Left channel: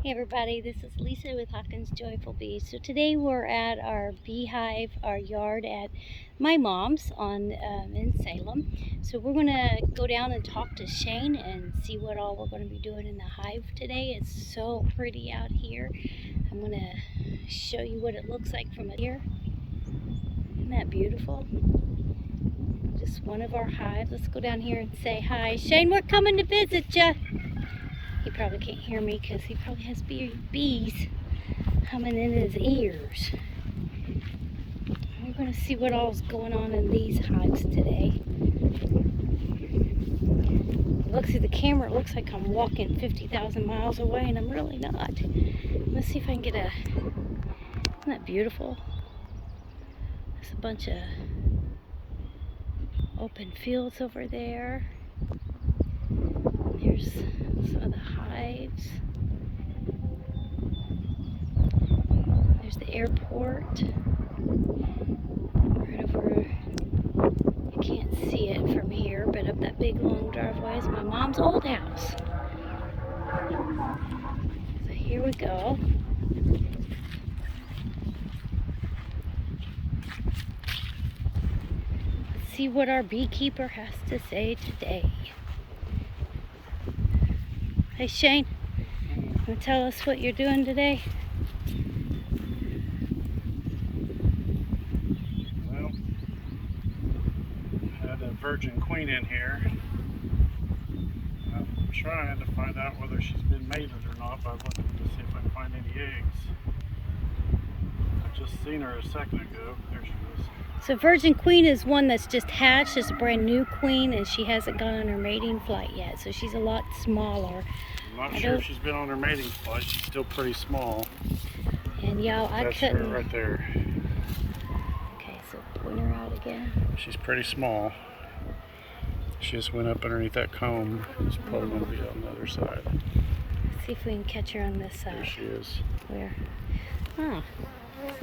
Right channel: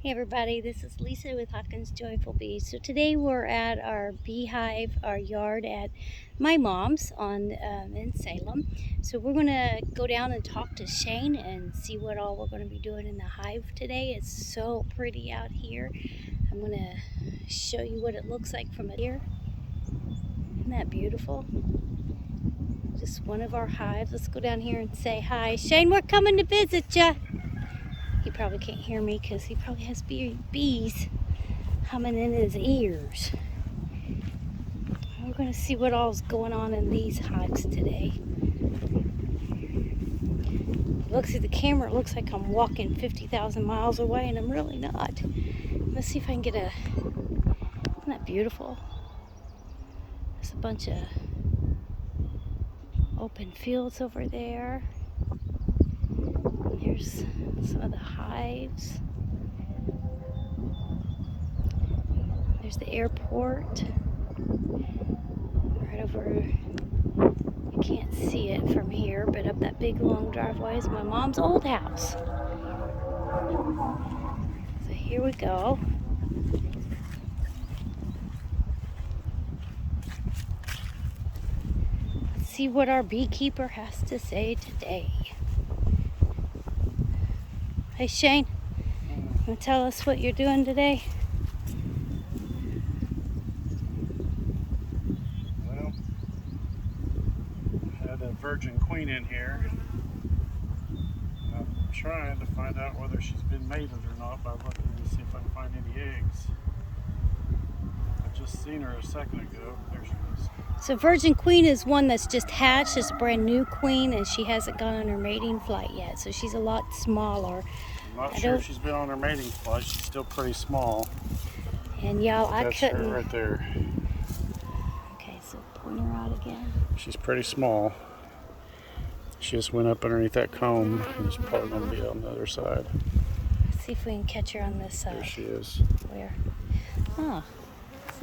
Hey everybody, this is Lisa with Hawkins Joyful Bees. So today we're at our beehive, our yard at my mom's in Salem. So we're going to go down and talk to Shane and see what all we're going to be doing in the hive today. It's so pretty out here. I'm going to show you what it looks like from here. Isn't that beautiful? Just one of our hives. Let's go down here and say hi. Shane, we're coming to visit ya. He probably can't hear me because he probably has bees humming in his ears. We're going to see what all's going on in these hives today. Looks at the camera, it looks like I'm walking 50,000 miles away, and I'm really not. Let's see if I can get a... Isn't that beautiful? There's a bunch of open fields over there. There's some of the hives. There's the airport. Right over, you can't see it from here, but up that big long driveway is my mom's old house. So here we go. Let's see what our beekeeper has to say today. Hey Shane, want to tell us what you're doing today? Well, I had a virgin queen in here. I'm trying to find out whether she's been mated or not by looking to see if I can find any eggs. I just seen her a second ago. There she is. So virgin queen is one that's just hatched. It's a brand new queen, and she hasn't gone on her mating flight yet, so she's a lot smaller. I'm not sure if she's been on her mating flight. She's still pretty small. And y'all, I That's couldn't... her right there. Okay, so point her out again. She's pretty small. She just went up underneath that comb, and she's probably going to be on the other side. Let's see if we can catch her on this side. There she is. Where? Ah,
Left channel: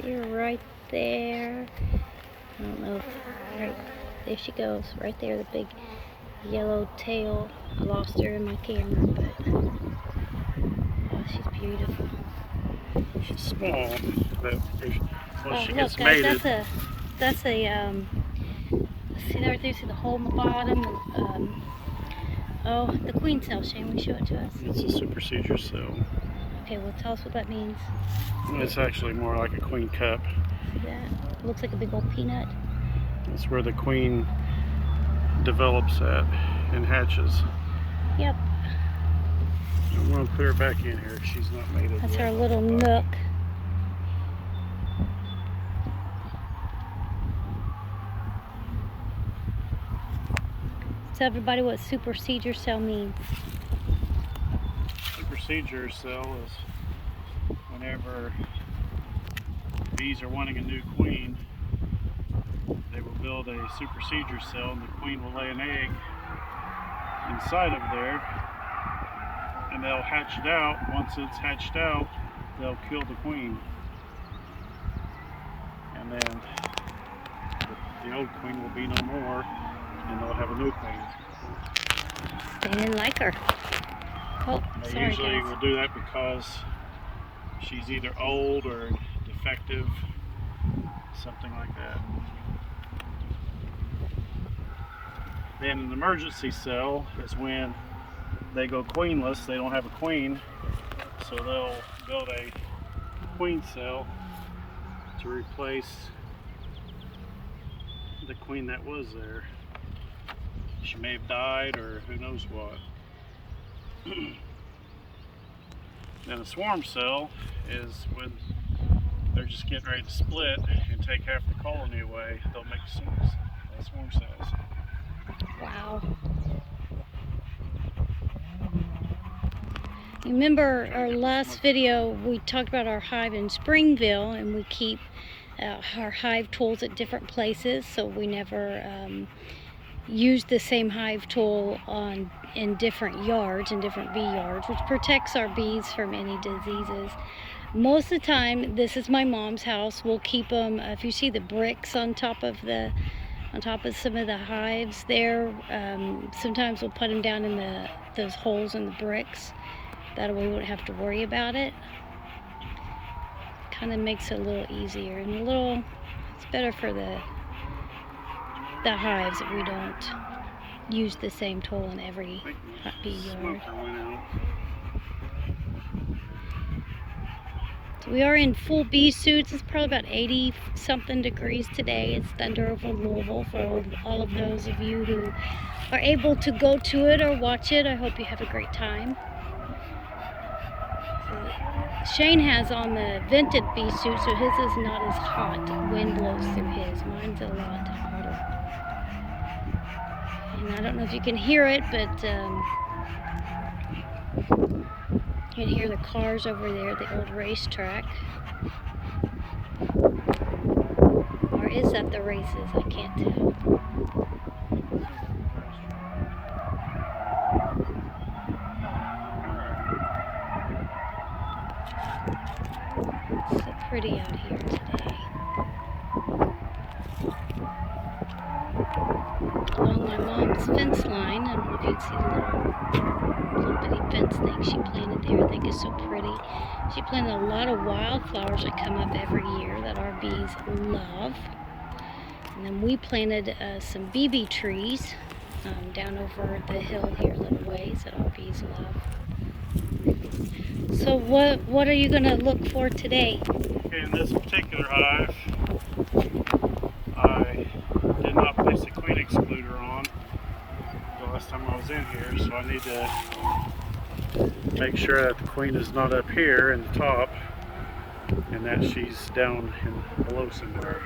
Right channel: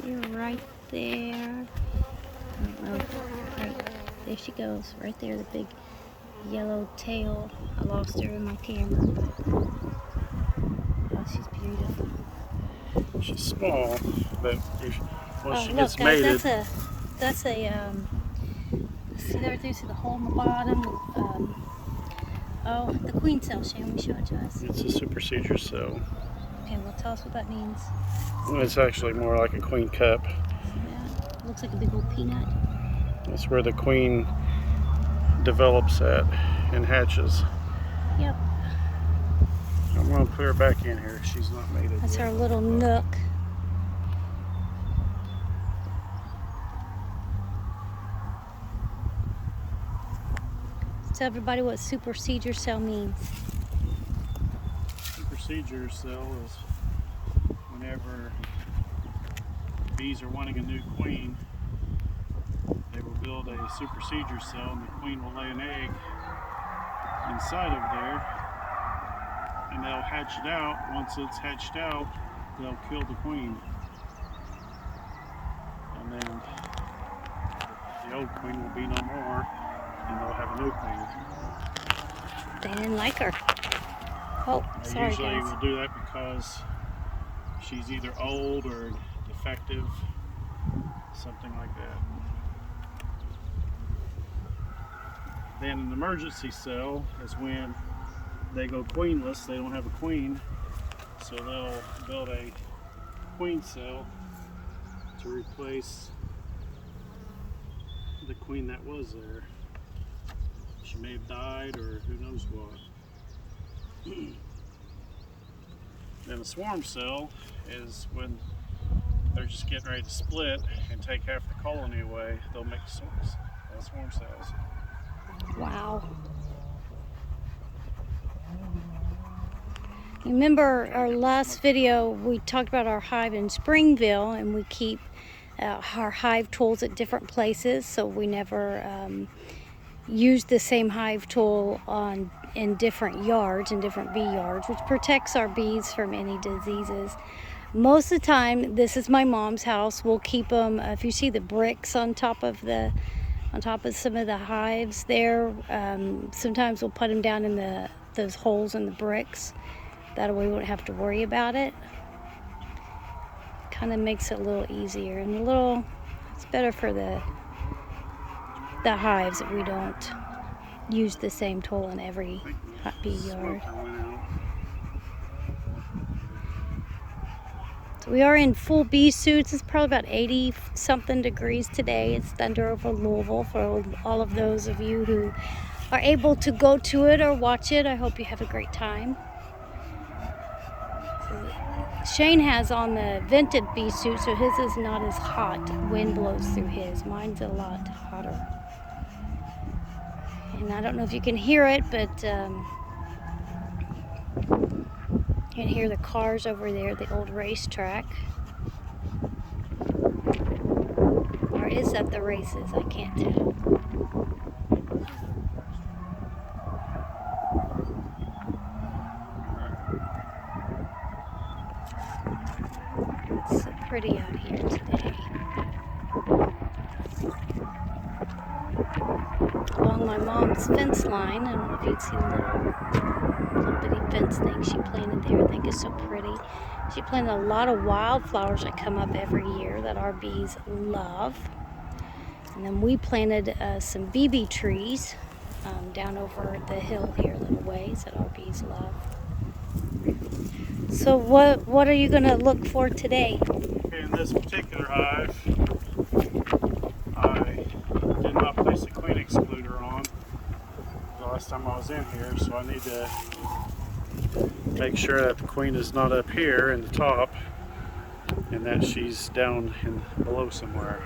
see her right there. I don't know if, right, there she goes, right there, the big yellow tail. I lost her in my camera, but, oh, she's beautiful. She's small, but once she Look gets guys, mated... that's a, see right there, see the hole in the bottom? Oh, the queen cell, Shane, will you show it to us? It's a super seizure cell. Okay, well tell us what that means. It's actually more like a queen cup. See that? It looks like a big old peanut. That's where the queen develops at and hatches. Yep. I'm going to put her back in here. She's not mated That's yet. her little nook. Tell everybody what super seizure cell means. Super seizure cell is whenever bees are wanting a new queen, they will build a super seizure cell, and the queen will lay an egg inside of there, and they'll hatch it out. Once it's hatched out, they'll kill the queen, and then the old queen will be no more, and they'll have a new queen. They didn't like her. Oh, They sorry usually guys. will do that because she's either old or defective, something like that. Then an emergency cell is when they go queenless, they don't have a queen, so they'll build a queen cell to replace the queen that was there. She may have died, or who knows what. Then a swarm cell is when they're just getting ready to split and take half the colony away. They'll make swarm cells. Wow. You remember our last video, we talked about our hive in Springville, and we keep our hive tools at different places, so we never use the same hive tool in different yards, in different bee yards, which protects our bees from any diseases. Most of the time, this is my mom's house. We'll keep them, if you see the bricks on top of some of the hives there, sometimes we'll put them down in those holes in the bricks. That way we won't have to worry about it. Kind of makes it a little easier, and it's better for the hives that we don't use the same tool in every bee yard. So we are in full bee suits. It's probably about 80 something degrees today. It's thunder over Louisville for all of those of you who are able to go to it or watch it. I hope you have a great time. Shane has on the vented bee suit, so his is not as hot. Wind blows through his. Mine's a lot hotter. And I don't know if you can hear it, but you can hear the cars over there, the old racetrack. Or is that the races? I can't tell. It's so pretty out here today. Along my mom's fence line, I don't know if you can see the little bitty fence thing she planted there. I think is so pretty. She planted a lot of wildflowers that come up every year that our bees love. And then we planted some BB trees down over the hill here a little ways that our bees love. So what are you going to look for today? In this particular hive, I did not place a queen excluder on the last time I was in here, so I need to make sure that the queen is not up here in the top and that she's down below somewhere.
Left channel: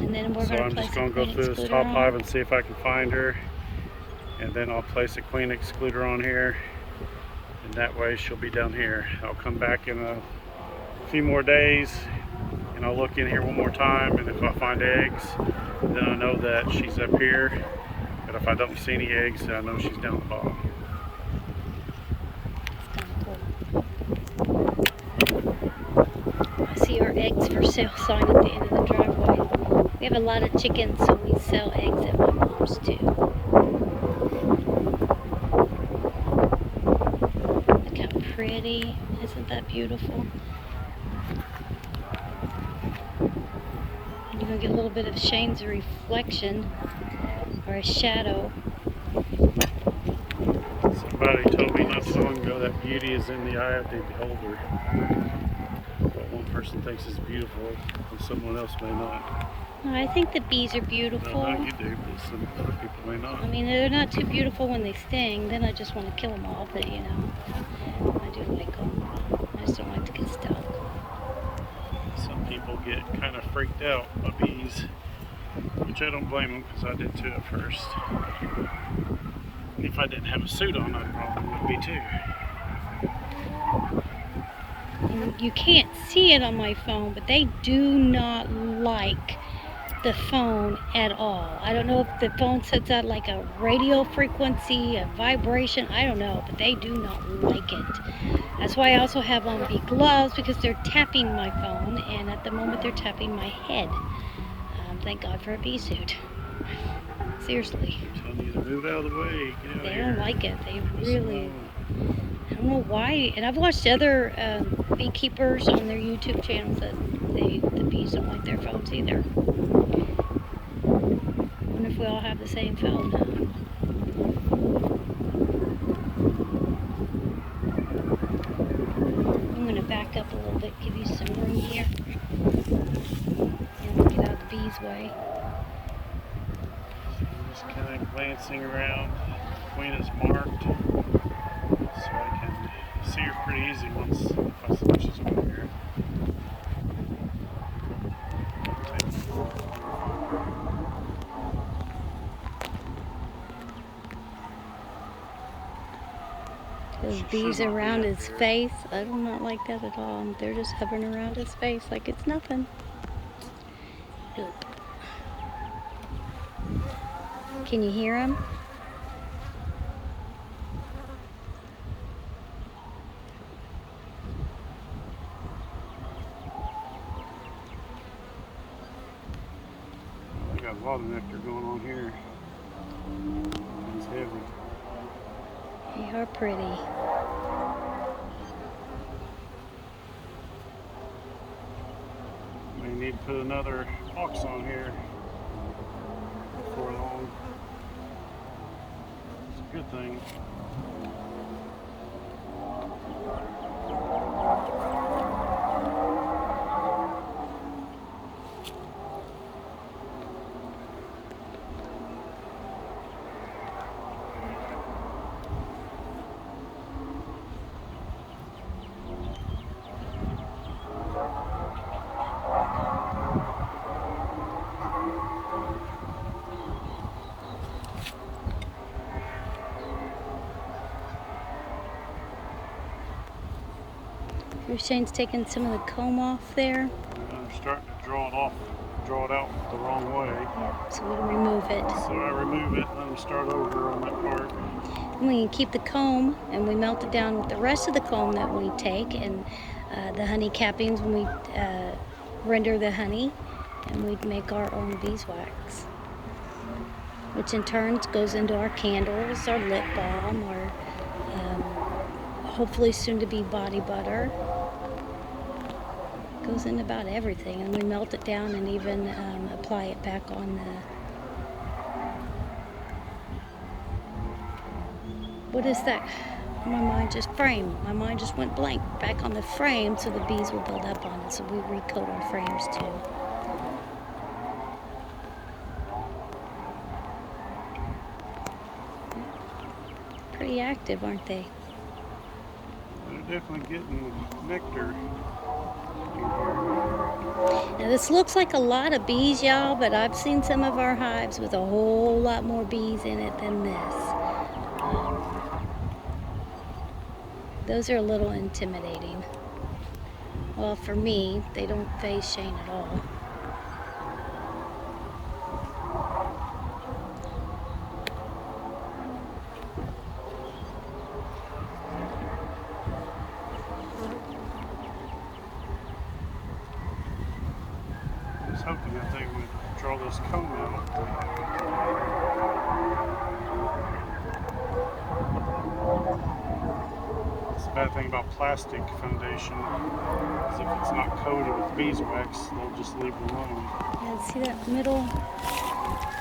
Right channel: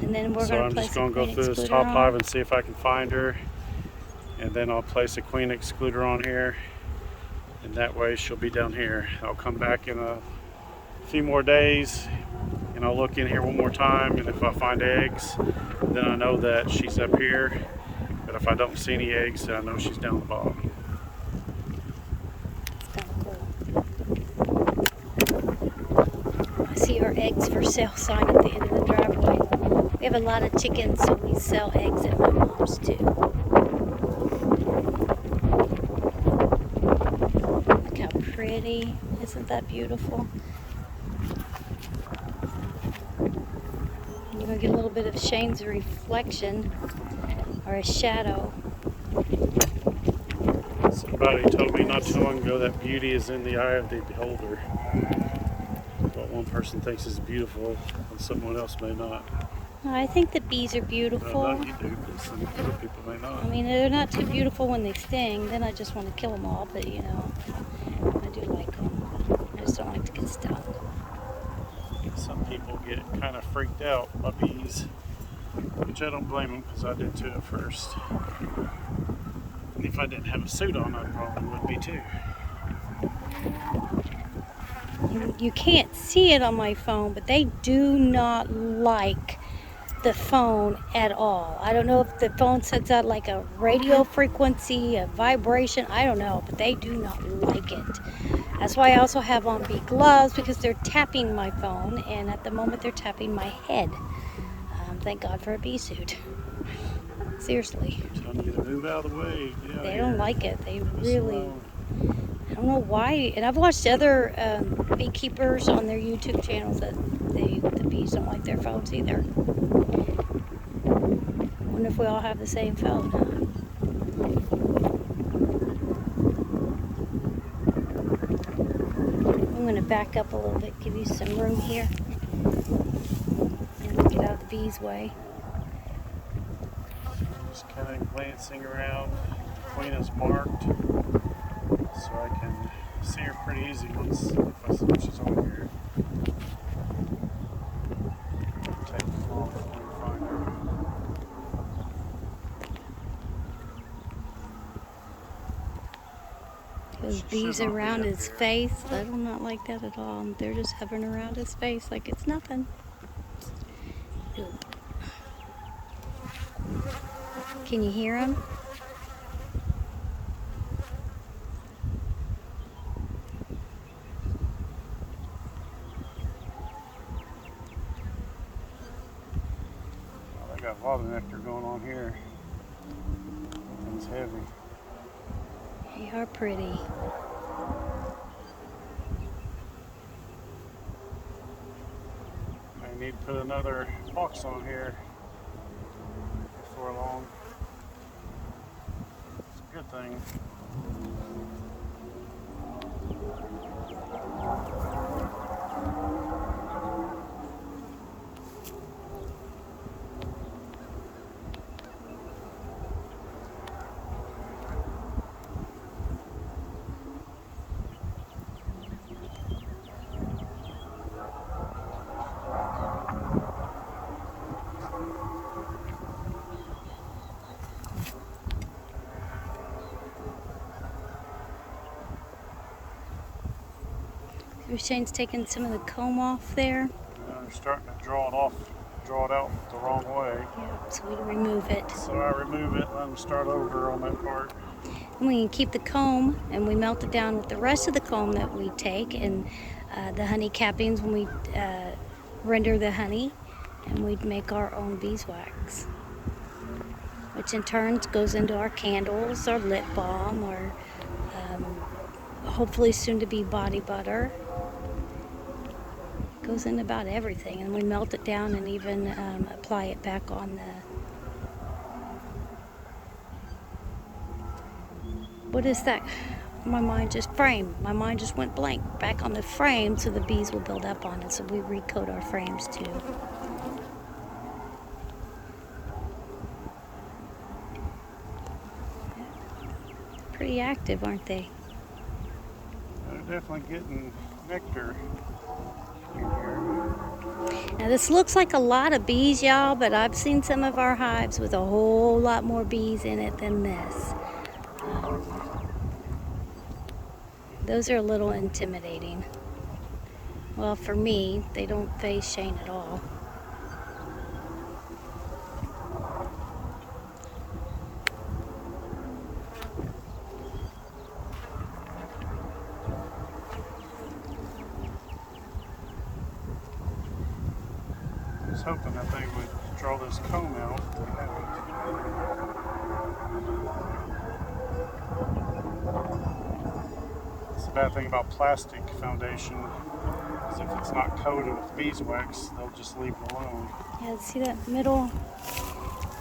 And then we're going to place a queen excluder on. So I'm just going to go through this top hive and see if I can find her, and then I'll place a queen excluder on here, and that way she'll be down here. I'll come back in a few more days and I'll look in here one more time, and if I find eggs, then I know that she's up here, but if I don't see any eggs, then I know she's down the bottom. It's kind of cool. I see our eggs for sale sign at the end of the driveway. We have a lot of chickens, so we sell eggs at my mom's too. Look how pretty. Isn't that beautiful? You're going to get a little bit of Shane's reflection, or a shadow. Somebody told me not too long ago that beauty is in the eye of the beholder. But one person thinks it's beautiful, and someone else may not. I think the bees are beautiful. No, you do, but some other people may not. I mean, they're not too beautiful when they sting. Then I just want to kill them all, but you know, I do like them. I just don't like to get stung. Some people get kind of freaked out by bees, which I don't blame them, because I did too at first. If I didn't have a suit on, I probably would be too. You can't see it on my phone, but they do not like the phone at all. I don't know if the phone sends out like a radio frequency, a vibration, I don't know, but they do not like it. That's why I also have on bee gloves, because they're tapping my phone, and at the moment they're tapping my head. Thank God for a bee suit. Seriously. I'm telling you to move out of the way. Get out They here. don't like it. They really, I don't know why. And I've watched other beekeepers on their YouTube channels that the bees don't like their phones either. Wonder if we all have the same phone, huh? I'm gonna back up a little bit, give you some room here. And get out of the bees' way. So I'm just kind of glancing around. The queen is marked, so I can see her pretty easy once if I see she's on here. Take a while to find her. Those bees around his face, I do not like that at all. They're just hovering around his face like it's nothing. Oop. Can you hear him? Well, they got a lot of nectar going on here. It's heavy. They are pretty. We need to put another box on here before long. It's a good thing. Shane's taking some of the comb off there. I'm starting to draw it out the wrong way. Yeah, so we remove it. So I remove it, let them start over on that part. And we can keep the comb and we melt it down with the rest of the comb that we take and the honey cappings when we render the honey, and we make our own beeswax, which in turn goes into our candles, our lip balm, or hopefully soon to be body butter. Goes in about everything, and we melt it down and even apply it back on the, what is that? My mind just went blank. Back on the frame so the bees will build up on it, so we recoat our frames too. Pretty active, aren't they? They're definitely getting nectar. Now this looks like a lot of bees, y'all, but I've seen some of our hives with a whole lot more bees in it than this. Those are a little intimidating. Well, for me, they don't faze Shane at all. I was hoping that they would draw this comb out. It's a bad thing about plastic foundation is if it's not coated with beeswax, they'll just leave it alone. Yeah, see that middle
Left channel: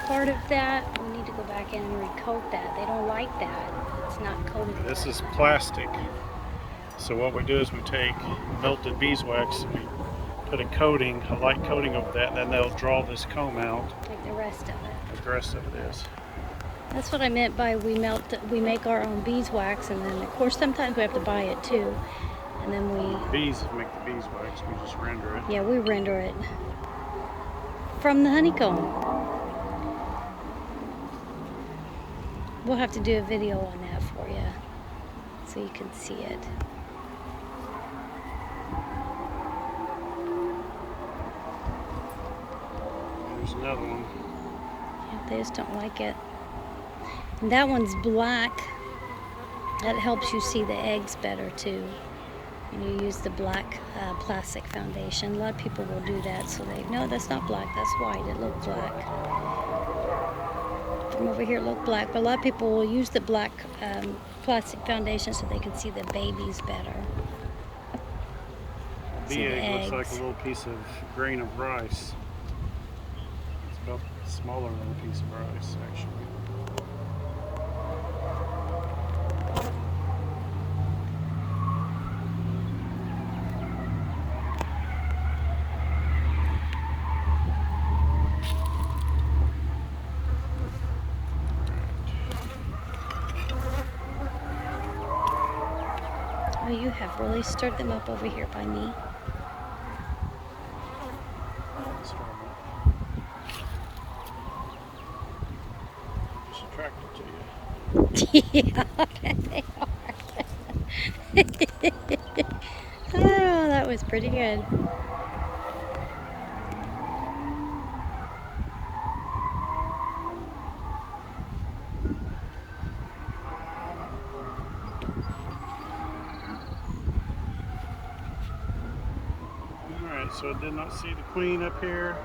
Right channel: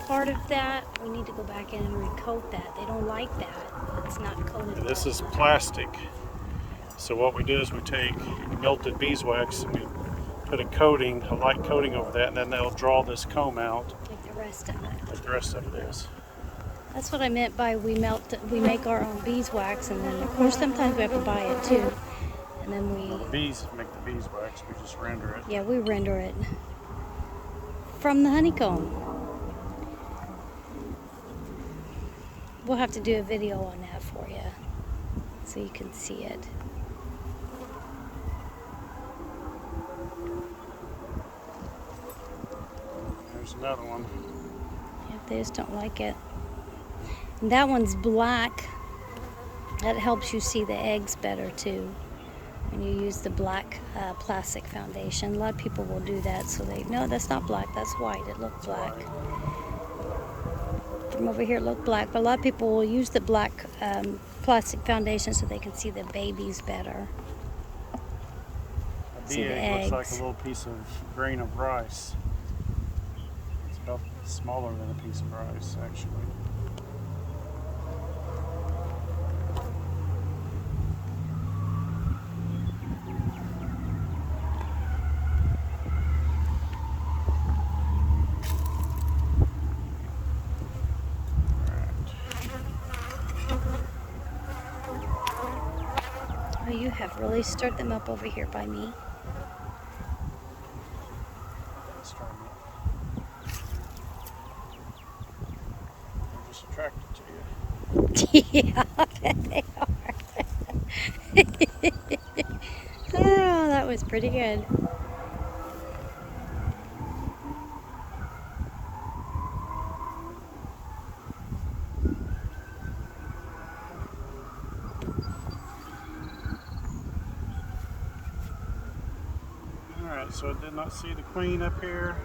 part of that? We need to go back in and recoat that. They don't like that if it's not coated. This is plastic. So what we do is we take melted beeswax, we put a coating, a light coating over that, and then they'll draw this comb out. Like the rest of it. Like the rest of it is. That's what I meant by we make our own beeswax, and then of course sometimes we have to buy it too. And then Bees make the beeswax, we just render it. Yeah, we render it from the honeycomb. We'll have to do a video on that for you so you can see it. There's another one. Yep, they just don't like it. And that one's black. That helps you see the eggs better too. And you use the black plastic foundation. A lot of people will do that, so no, that's not black, that's white. It looked black. From over here it looked black, but a lot of people will use the black plastic foundation so they can see the babies better. The egg looks like a little piece of grain of rice. It's about smaller than a piece of rice, actually. Oh, you have really stirred them up over here by me. I'm just attracted to you. Yeah, they are. Oh, that was pretty good. Alright, so I did not see the queen up here.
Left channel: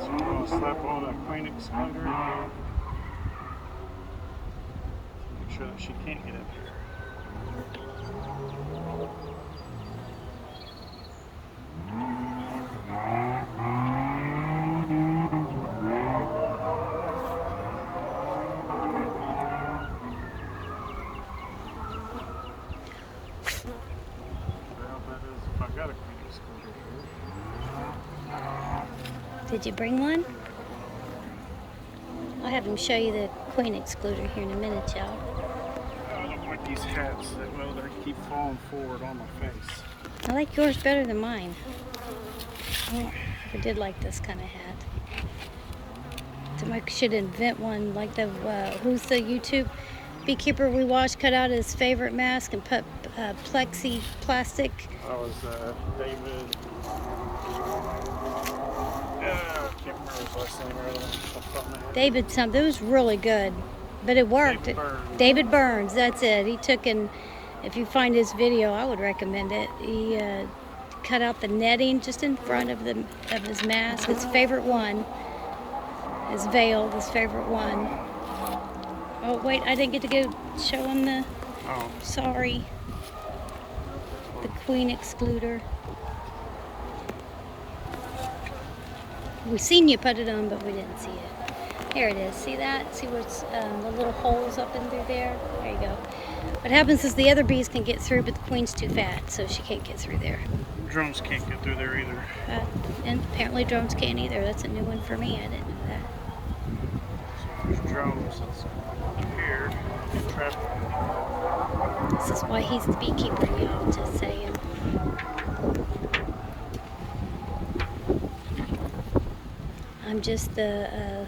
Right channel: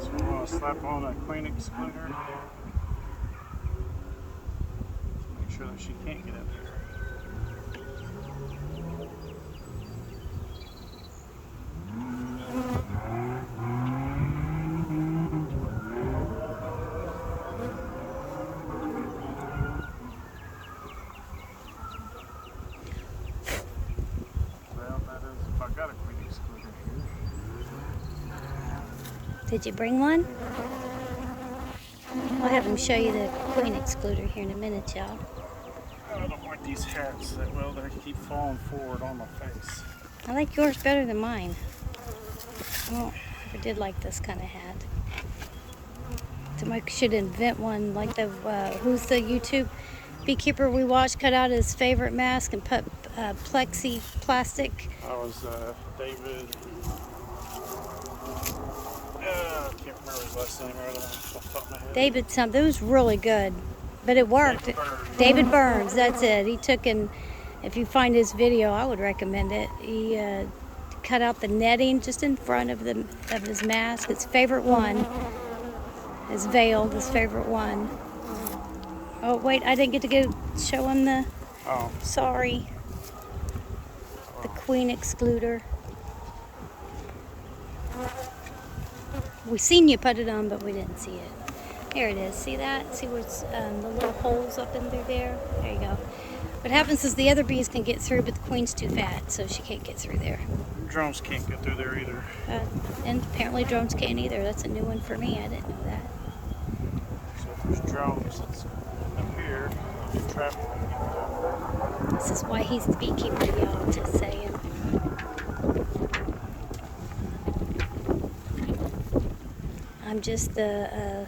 So I'm going to slap on a queen excluder. Make sure that she can't get in here. Well, that is if I got a queen excluder here. Did you bring one? I'll have him show you the queen excluder here in a minute, y'all. I don't like these hats that well, they keep falling forward on my face. I like yours better than mine. I did like this kind of hat. Somebody should invent one like the, who's the YouTube beekeeper we watched cut out his favorite mask and put plexi plastic. That was David. Can't remember his last name earlier. David something. It was really good, but it worked. David Burns, that's it. He took and, if you find his video, I would recommend it. He cut out the netting just in front of his mask. His favorite one is veiled. His favorite one. Oh wait, I didn't get to go showing the. Oh. Sorry. The queen excluder. We seen you put it on, but we didn't see it. There it is. See that? See what's the little holes up in through there? There you go. What happens is the other bees can get through, but the queen's too fat, so she can't get through there. Drones can't get through there either. And apparently drones can't either. That's a new one for me. I didn't know that. So if there's drones here, they trap. This is why he's the beekeeper, y'all, just saying. I'm just the,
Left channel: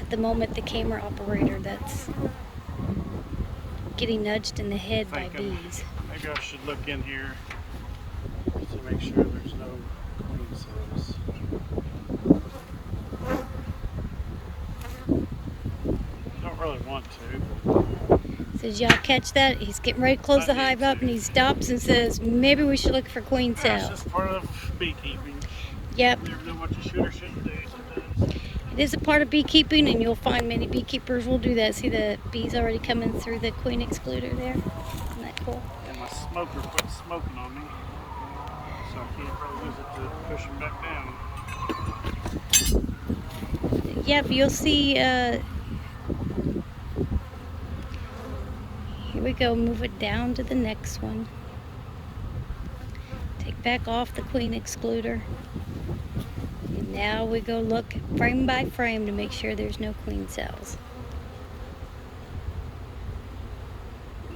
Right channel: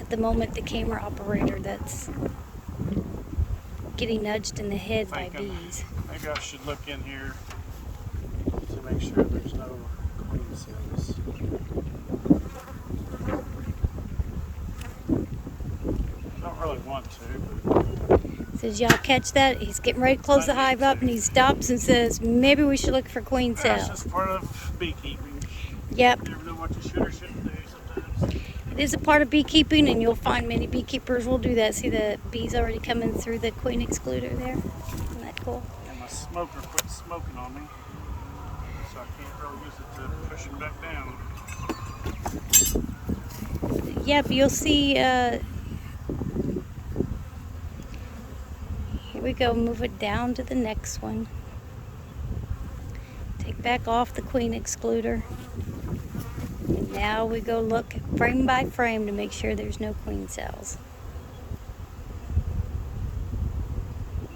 at the moment, the camera operator that's getting nudged in the head by bees. Maybe I should look in here to make sure there's no queen cells. I don't really want to. Did y'all catch that? He's getting ready to close the hive up and he stops and says, maybe we should look for queen cells. That's just part of beekeeping. Yep. You never know what you should or shouldn't do sometimes. It is a part of beekeeping, and you'll find many beekeepers will do that. See the bees already coming through the queen excluder there? Isn't that cool? And my smoker quit smoking on me, so I can't really use it to push him back down. Yep, you'll see, here we go, move it down to the next one. Take back off the queen excluder. And now we go look frame by frame to make sure there's no queen cells.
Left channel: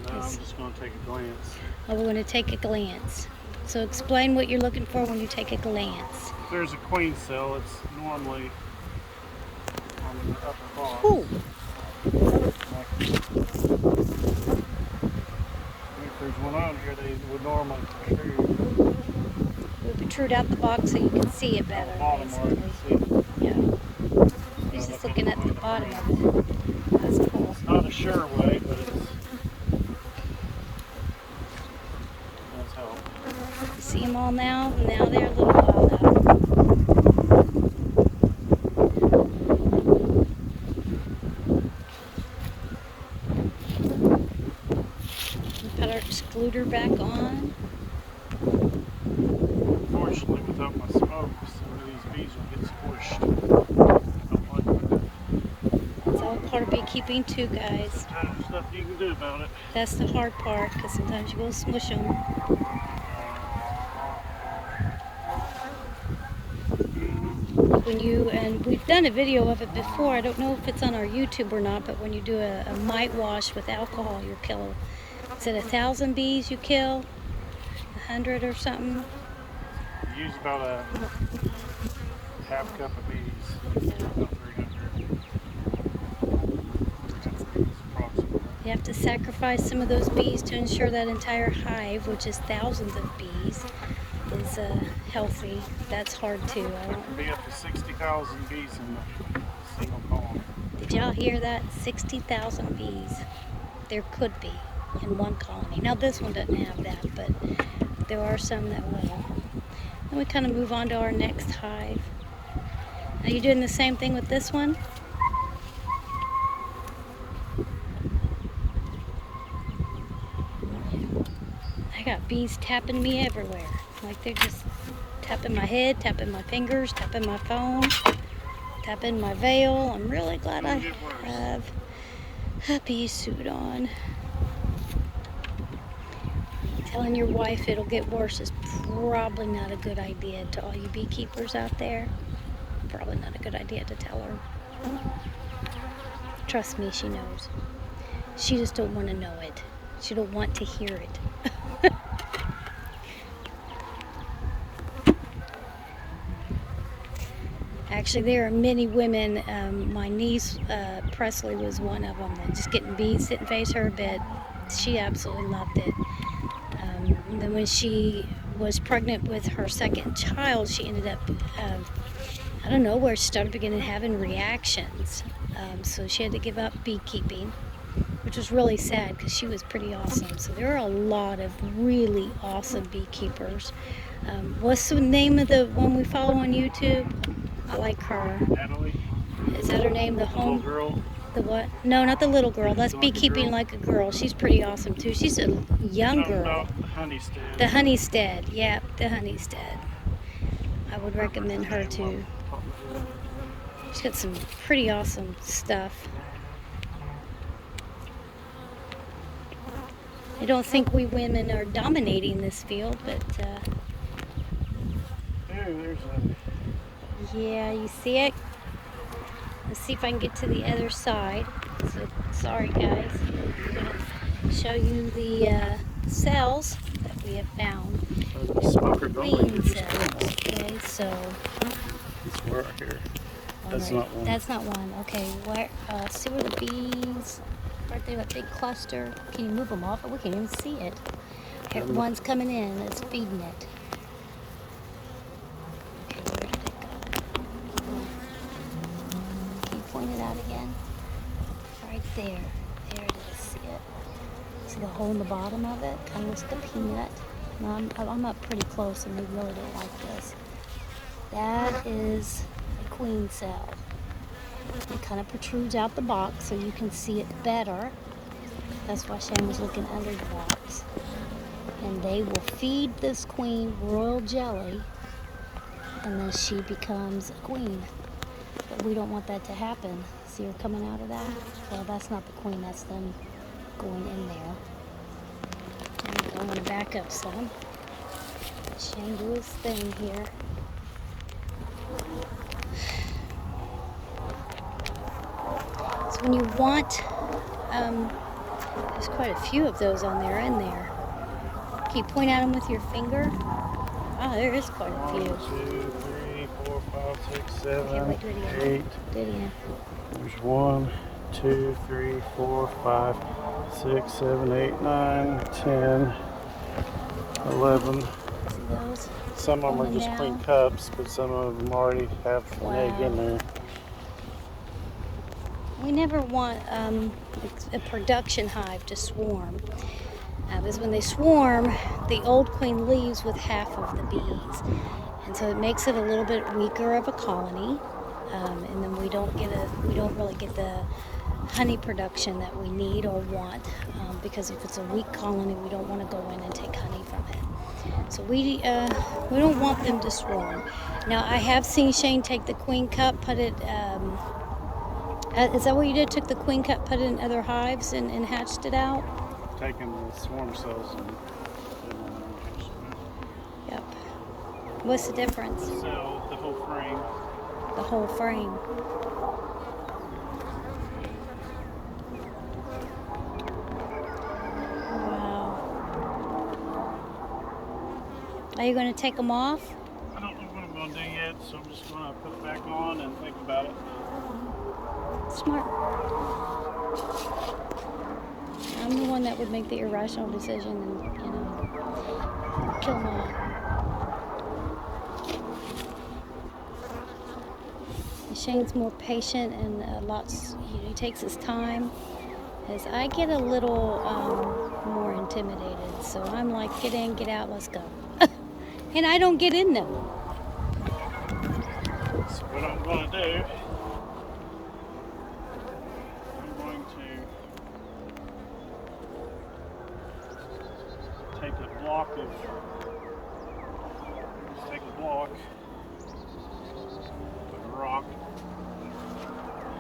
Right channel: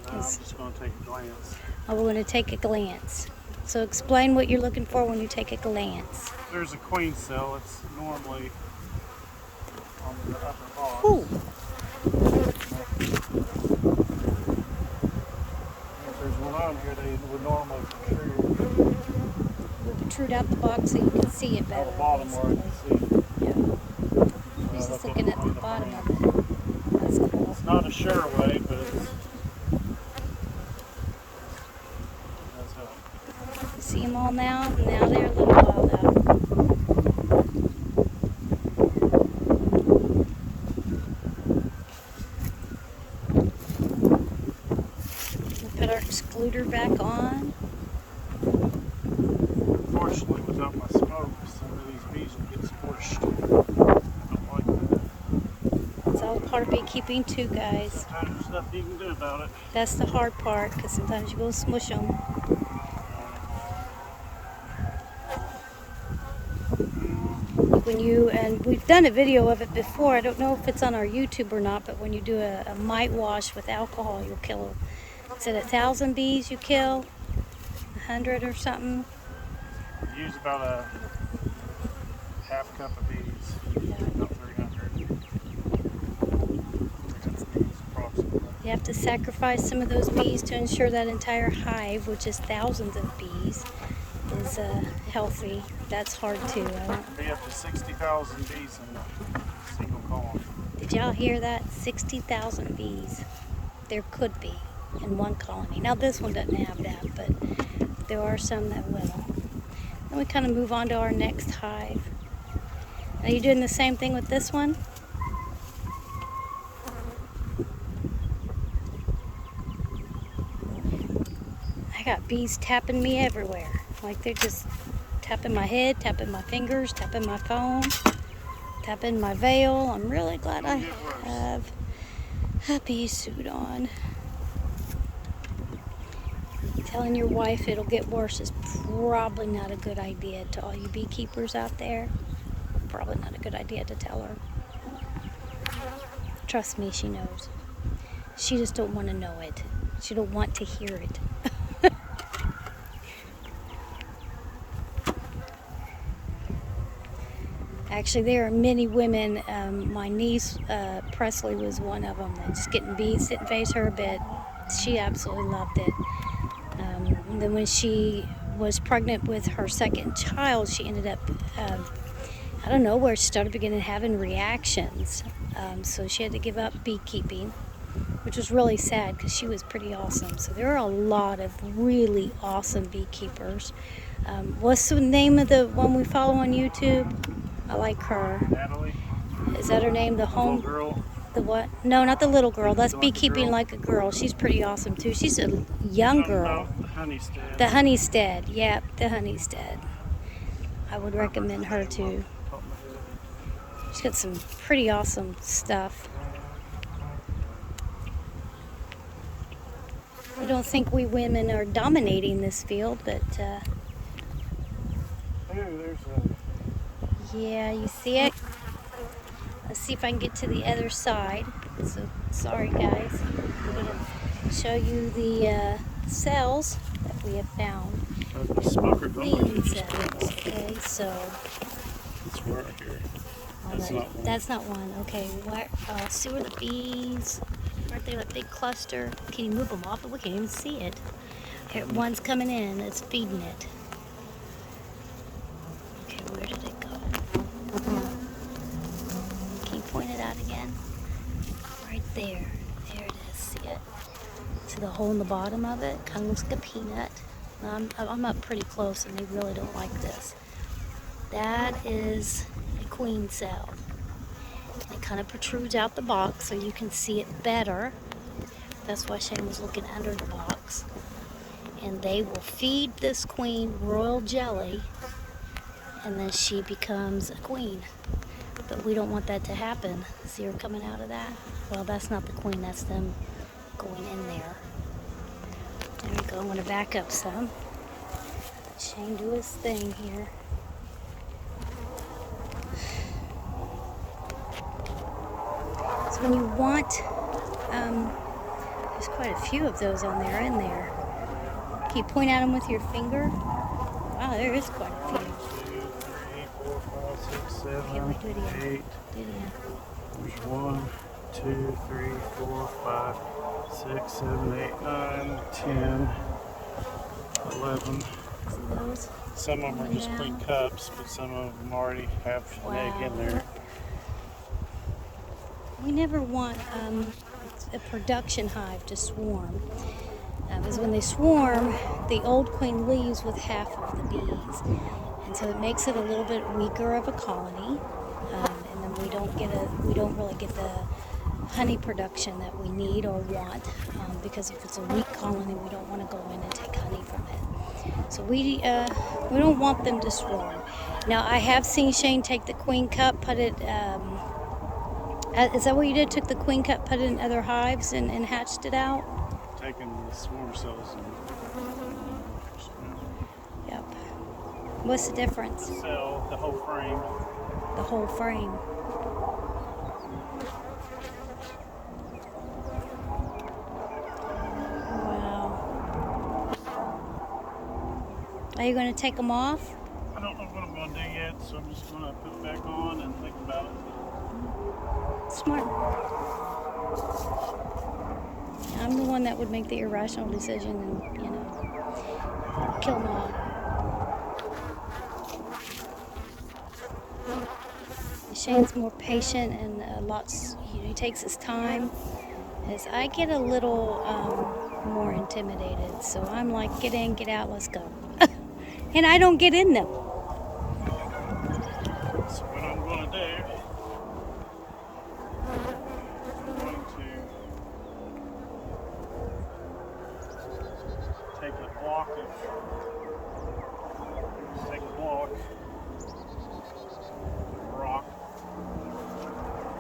No, I'm just going to take a glance. Oh, we're going to take a glance. So explain what you're looking for when you take a glance. If there's a queen cell, it's normally on the upper bar. Ooh. If there's one on here, they would normally protrude. We'll protrude out the box so you can see it better, Bottom basically. one, Yeah. He's just looking at the bottom of it. That's cool. It's not a sure way, but it does help. You see them all now? Now they're a little wild out. We'll put our excluder back on. Unfortunately, without my smoke, some of these bees will get squished. Don't like that. It's all part of beekeeping too, guys. Sometimes there's nothing you can do about it. That's the hard part, because sometimes you go smush them. And we've done a video of it before, I don't know if it's on our YouTube or not, but when you do a mite wash with alcohol, you'll kill, is it 1,000 bees you kill? 100 or something? Use about a half cup of bees. About 300 bees approximately. You have to sacrifice some of those bees to ensure that entire hive, which is thousands of bees, is healthy. That's hard too. There can be up to 60,000 bees in a single colony. Did y'all hear that? 60,000 bees. There could be in one colony. Now this one doesn't have that, but there are some that will. Then we kind of move on to our next hive. Are you doing the same thing with this one? I got bees tapping me everywhere. Like they're just tapping my head, tapping my fingers, tapping my phone, tapping my veil. I'm really glad I have a bee suit on. Telling your wife it'll get worse is probably not a good idea to all you beekeepers out there. Probably not a good idea to tell her. Trust me, she knows. She just don't want to know it. She don't want to hear it. Actually, there are many women. My niece, Presley, was one of them. That just getting bees sit and face her bed. She absolutely loved it. And then when she was pregnant with her second child, she ended up, I don't know, where she started beginning having reactions. So she had to give up beekeeping, which was really sad because she was pretty awesome. So there are a lot of really awesome beekeepers. What's the name of the one we follow on YouTube? I like her. Natalie? Is that her name? The Little home... girl? The what? No, not the little girl. That's Like a beekeeping girl? like a girl. She's pretty awesome too. She's a young Talking girl. about the Honeystead. The Honeystead. Yep, the Honeystead. I would recommend her too. She's got some pretty awesome stuff. I don't think we women are dominating this field, but Hey, there's a... yeah, you see it? Let's see if I can get to the other side. So sorry guys. I'm going to show you the cells that we have found. Queen cells. Okay, so We're right here. that's not one. Okay, where? See where the bees? Right there, that big cluster. Can you move them off? But we can't even see it. Here, one's coming in. It's feeding it. Okay, where did it go? Can you point it out again? Right there. There it is. See it? See the hole in the bottom of it? Kind of looks like a peanut. Now, I'm up pretty close, and they really don't like this. That is a queen cell. It kind of protrudes out the box so you can see it better. That's why Shane was looking under the box. And they will feed this queen royal jelly, and then she becomes a queen. But we don't want that to happen. See her coming out of that? Well, that's not the queen, that's them going in there. There we go. I'm going to back up some. Let Shane do his thing here. So when you want, there's quite a few of those on there in there. Can you point at them with your finger? Wow, there is quite a few. 1, 2, 3, 4, 5, 6, 7. Okay, wait, do it again. 8. Do it again. There's 1, 2, 3, 4, 5, 6, 7, 8, 9, 10, 11. See those? Some of them are Going just down. queen cups, but some of them already have an egg in there. We never want a production hive to swarm. Because when they swarm, the old queen leaves with half of the bees. And so it makes it a little bit weaker of a colony. And then we don't really get the honey production that we need or want. Because if it's a weak colony, we don't want to go in and take honey from it. So we don't want them to swarm. Now I have seen Shane take the queen cup, put it, is that what you did? Took the queen cup, put it in other hives and hatched it out? Taking the swarm cells and hatched them out. Yep. What's the difference? The cell, the whole frame. The whole frame. Wow. Are you going to take them off? I don't know what I'm going to do yet, so I'm just going to put it back on and think about it. Smart. I'm the one that would make the irrational decision and, kill them all. Shane's more patient and he takes his time. As I get a little more intimidated, so I'm like, get in, get out, let's go. And I don't get in them. So what I'm going to do, I'm going to take a block of, just take a block, like a rock.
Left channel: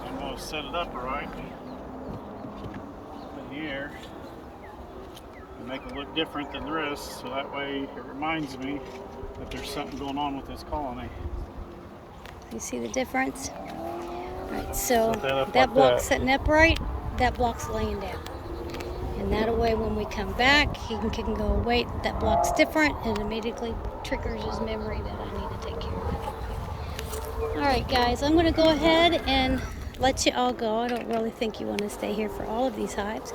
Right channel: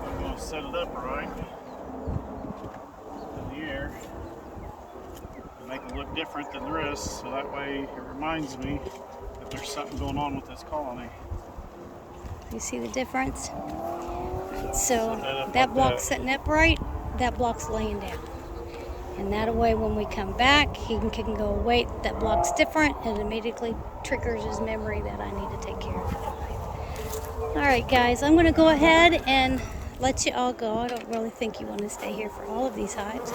I'm going to set it upright up in the air and make it look different than the rest, so that way it reminds me that there's something going on with this colony. You see the difference? All right, So so set that up that like block's that. sitting upright, that block's laying down. And that way when we come back, he can go, wait, that block's different, and immediately triggers his memory that I need to take care of it. All right, guys, I'm gonna go ahead and let you all go. I don't really think you want to stay here for all of these hives.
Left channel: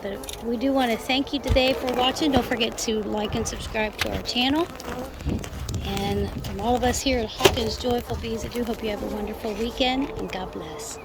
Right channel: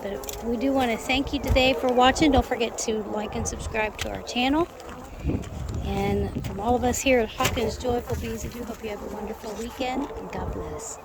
But we do want to thank you today for watching. Don't forget to like and subscribe to our channel. And from all of us here at Hawkins Joyful Bees, I do hope you have a wonderful weekend, and God bless.